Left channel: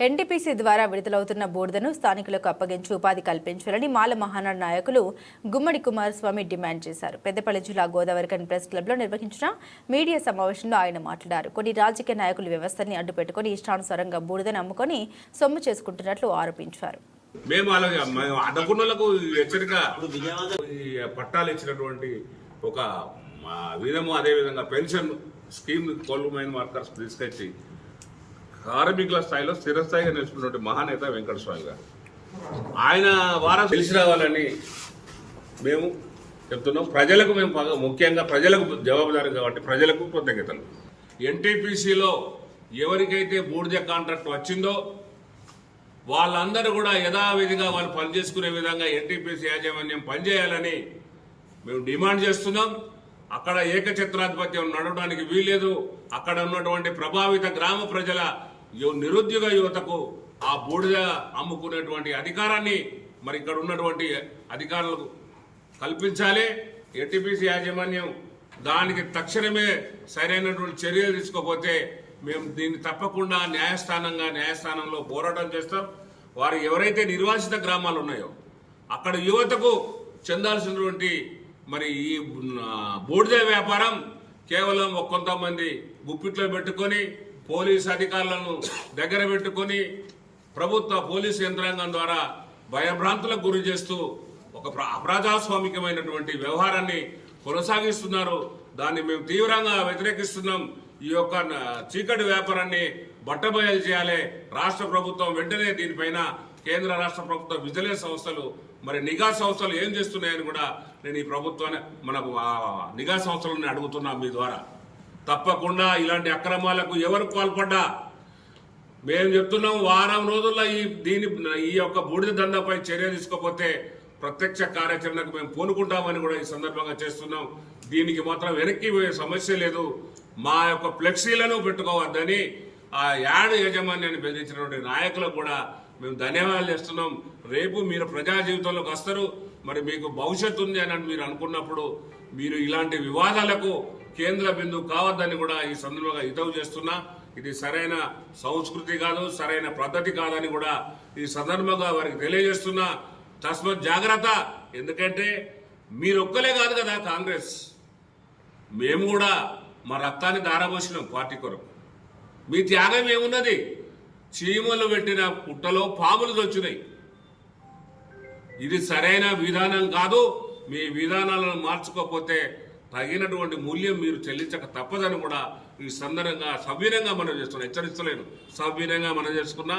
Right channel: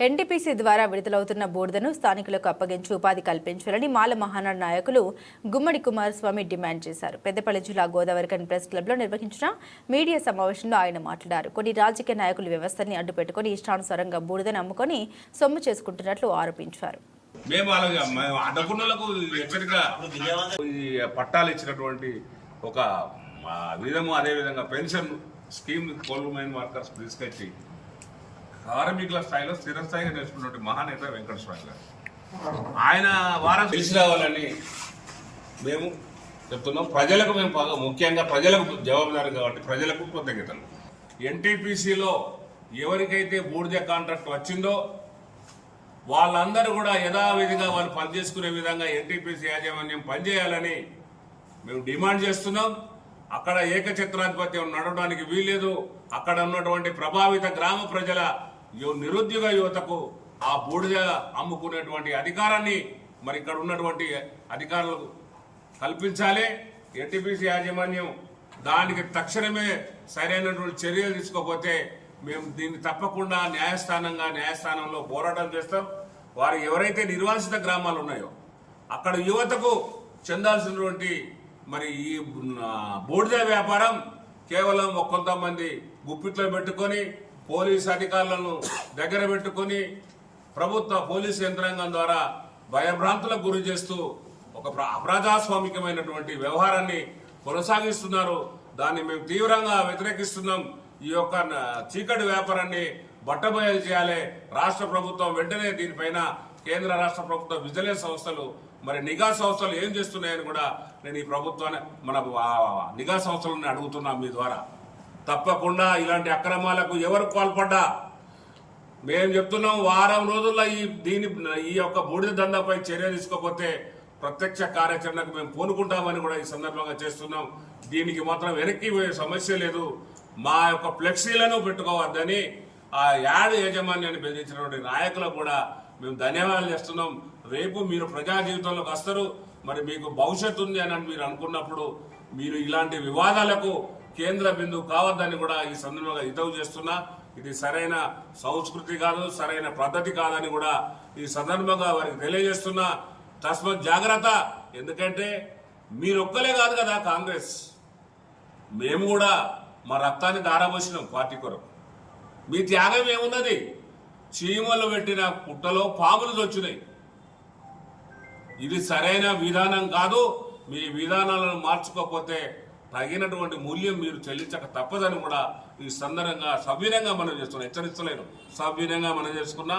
NTPC ద్వారా విడుదలవుతున్న బూడిదను స్థానికులకు అప్పగించి ఉపాధి కల్పించాలని మాల మహానాడు నాయకులు గుమ్మడి కుమారస్వామి డిమాండ్ చేశారు. పెద్దపల్లి జిల్లా గోదావరిఖని ప్రెస్ క్లబ్లో నిర్వహించిన మీడియా సమావేశంలో ఆయన మాట్లాడారు. కొన్ని రాజకీయ నాయకులు వ్యవస్థని అడ్డుపెట్టుకుని ఇష్టానుసారంగా బూడిదను అమ్ముకొని సొమ్ము చేసుకుంటున్నట్లు ఆరోపించారు. మేము అడ్డకున్నలకు హెచ్చరిక పట్టాలు ఇచ్చినటువంటి ఒక విధము, అదేవిధంగా pension scheme coal mine workers తీసుకొచ్చి కార్మికుల స్థాయిలో స్థిరస్థాయిగా నిలుచుకున్నటువంటి మహానేత వెంకటస్వామి గారు, ఆయన వారం తెలిసి రావాలని మేము చెప్తున్నాం. ప్రజలకు మేము ముఖ్యంగా ప్రజలకు జవాబుదారు కాబట్టి ప్రజలకు కృతజ్ఞతలు. ఎన్టీపీసీలో ఎవరికైతే బూడిద కాంట్రాక్ట్ వచ్చిందో వాళ్ళందరూ కూడా యథావిధిగా వాళ్ళు పనిచేసుకునే విధంగా ఎన్టీపీసీ యాజమాన్యం పనిచేయాలని మేము డిమాండ్ చేస్తున్నాం. అక్కడ ఏకఛత్రాధిపత్యం నడవడానికి వీల్లేదు. అక్కడ ఉన్నటువంటి ప్రభావిత గ్రామ ప్రజల నిరుద్యోగ యువతకు ఆ బూడిద అమ్ముకునేటువంటి అధికారాన్ని మరి ఇక్కడ ఉన్నటువంటి అధికారులకు కల్పించాలి. ఎన్టీపీసీ యాజమాన్యం దానికి తక్షణమే సరైనటువంటి చర్యలు తీసుకోకపోతే మేము దీన్ని తప్పకుండా న్యాయస్థానంలో పోరాటం చేస్తాం. వారు ఎవరైతే నిర్వాసిత గ్రామాలు ఉన్నాయో అక్కడ యువతకు చెందాల్సినటువంటి మరి ఈ బూడిద వ్యాపారం కేవలం కొంతమంది గుప్పిట్లో పెట్టుకొని పోలీసు అధికారులను దగ్గర పెట్టుకొని ప్రభుత్వ పోలీసు యంత్రాంగం ద్వారా భయభ్రాంతులకు గురి చేస్తూ ఒక అప్రజాస్వామికమైనటువంటి వ్యవహారాన్ని కొనసాగిస్తున్నారు. దాన్ని మేము తీవ్రంగా వ్యతిరేకిస్తున్నాం. ఈ యొక్క చీకటి వ్యాపారాన్ని బట్టబయలు చేయాలి. రాష్ట్ర ప్రభుత్వం వెంటనే దీనిపైన కేంద్ర రాష్ట్ర ప్రభుత్వ విజిలెన్స్ సంస్థలు మరి నిఘా సంస్థలు ఏం చేస్తున్నాయని కూడా నేను ఈ ప్రభుత్వాన్ని మన నిఘా సంస్థలను అడుగుతున్నా మీ ద్వారా. తప్పకుండా ఇలాంటి అక్రమాలకు ఎవరు పాల్పడ్డా మేము చెప్తున్నాం, వారం రోజుల్లో ఈ యొక్క బూడిద దందాపై చర్య తీసుకోకపోతే ప్రత్యక్ష కార్యాచరణకు మేము పూనుకుంటామని కూడా ఈ సందర్భంగా చేస్తున్నాం. దీనికి మాత్రం వెనక్కి పోయే సమస్య లేదు. మా యొక్క ఫ్లెక్సీలను పెట్టుకోవద్దని ఆ యాడ్ యాజమాన్యాన్ని బెదిరించినటువంటి నాయకులకు కూడా మేము ధన్యవాదాలు చేస్తున్నాం. రేపు మీరు ప్రజా జీవితంలోకి వస్తారు, మరి మీకు భవిష్యత్తు ఉంది అని మీరు అనుకున్నప్పుడు మీరు ఇలాంటి వివాదాలకు కేంద్ర బిందువు కావద్దని కూడా ఈ సందర్భంగా హితవు చేస్తున్నా. ఇది సరైన సంస్కృతి కాదు, సరైన పద్ధతి కాదని కూడా ఈ సందర్భంగా వారికి తెలియజేస్తున్నా. తస్మత్ జాగ్రత్త. ఎందుకంటే మీరు ఒక్కలే కాదు కదా కాంగ్రెస్, మేము కూడా మా రక్తాన్ని దారపోసినాం పార్టీ కొరకు. మీ త్యాగం ఏమున్నది? చీమలు పెట్టిన పుట్టలో పాములు దొచ్చినాయి. ఇది సరైన విధానం కాదు. మీ విధానాలను మార్చుకోకపోతే తగినటువంటి మూల్యం మీరు చెల్లించక తప్పదని కూడా ఈ సందర్భంగా సవ్యంగా మనం చేస్తున్నాం. హెచ్చరిస్తలేను, సవ్యంగా మనం చేసుకున్నా.